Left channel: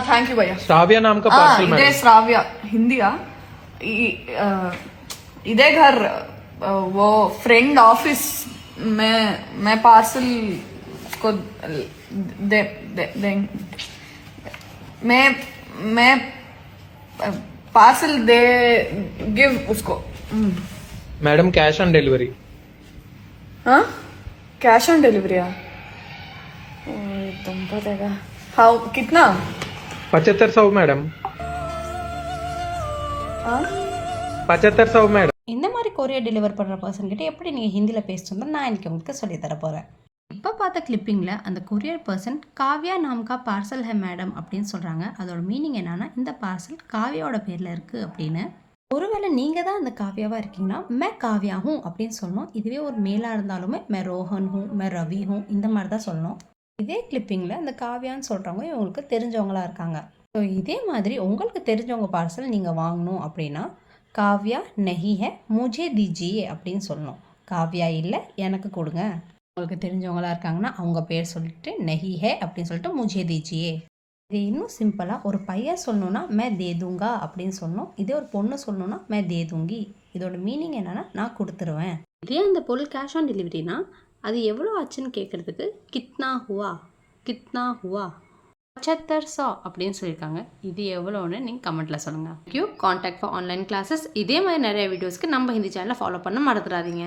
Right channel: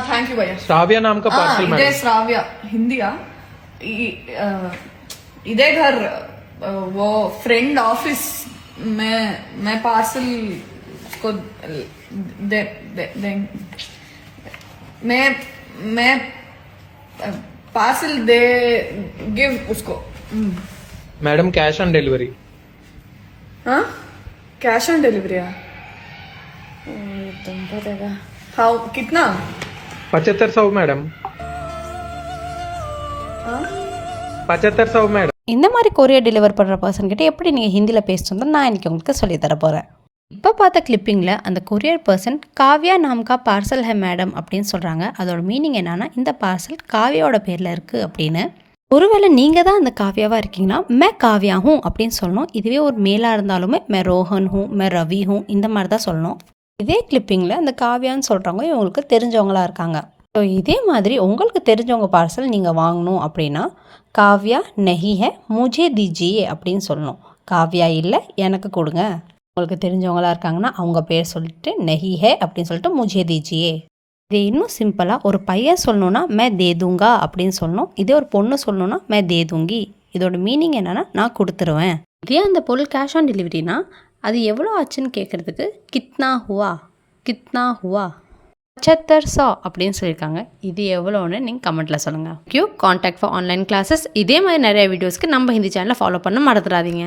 Thank you भैया। श्राव्या नाम का पार्सल इधे मैडम। श्राव्या हिंदिया इधे घर वो फ्रेंड ऑफिस मैं पार्सल को दे, दे, दे मैं पार्सल दे गिव उसको। Madam cash on delivery. हाँ कैश ऑन डिलीवरी है। तुमको देगा हाउ कितना 7500 मैडम। हाँ 7500 मैडम। இந்த மாதிரி கொரியர் டெலிவர் பண்ணுற பர்சன்கிட்ட எப்படி நீங்கள் ஹிந்தியில் பேசணும் நான் இன்றைக்கி உங்களுக்கு சொல்லித்தர போகிறேன். இப்போ பார்த்த கிளிப்பிங்கில் அந்த கொரியர் பர்சன் காவ்யா நாம்கா பார்சல் ஹே மேடம் அப்படின்னு சொல்கிறாங்க. அதோட மீனிங் என்னன்னா இந்த பார்சல் காவ்யாவோட பேரில் இருக்குது அப்படின்னு. ஒருவேளை நீங்கள் தான் அந்த காவ்யாவாக இருக்கீங்கன்னா மே காவ்யா ஹூ அப்படின்னு சொல்லணும். இதுவே ஒரு மேலாக இருந்தாலுமே மே ரோஹன் ஹூ மே ரவி ஹூ இந்த மாதிரி தான் சொல்லணும். இதே கிளிப்பிங்கில் அந்த காவ்யான்னு சொல்கிறவங்க இவங்களுக்கு தெரிஞ்சவங்களாக இருக்காங்க. ஸோ இதே மாதிரி உங்களுக்கு தெரிஞ்சவங்க பார்சல் நீங்கள் வாங்கணும் அப்படின்னா காவ்யா நஹி ஹே முஜே தீஜியே அப்படின்னு சொல்லணும். காவ்யா இல்லை எனக்கு கொடுங்க. உங்களுக்கு தெரிஞ்சவங்களாக இருக்காங்கன்னா அவங்க பேர் சொல்லிட்டு நஹி ஹே அப்படின்னு சொல்லிட்டு முஜே தீஜியே. இது இன்னும் சிம்பிளாக ஒரு பையன் சொல்லணுன்னா மே தேதுங்கா அப்படின்னு சொல்லணும். இதே ஒரு பொண்ணு சொல்லணுன்னா மே தேதுங்கி. இதோட மீனிங் என்னென்னா நான் கொடுத்துருவேன். இதே அந்த பொருள் கேஷ் ஆன் டெலிவரினா அது எவ்வளோ ஆச்சுன்னு கேட்குறதுக்கு கித்னா ஹுவா 7500 அப்படின்னு சொல்லியிருக்காங்க. இது எவ்வளோன்னு நீங்கள் கமெண்ட்டில் சொல்லுங்கள். கான்டாக்ட் ஃபார் ஆன்லைன் கிளாஸஸ் இதே மாதிரி நிறைய வீடியோஸ்க்கு நம்ம ஹிந்தி சேனலை ஃபாலோ பண்ண மறந்துடாதீங்க.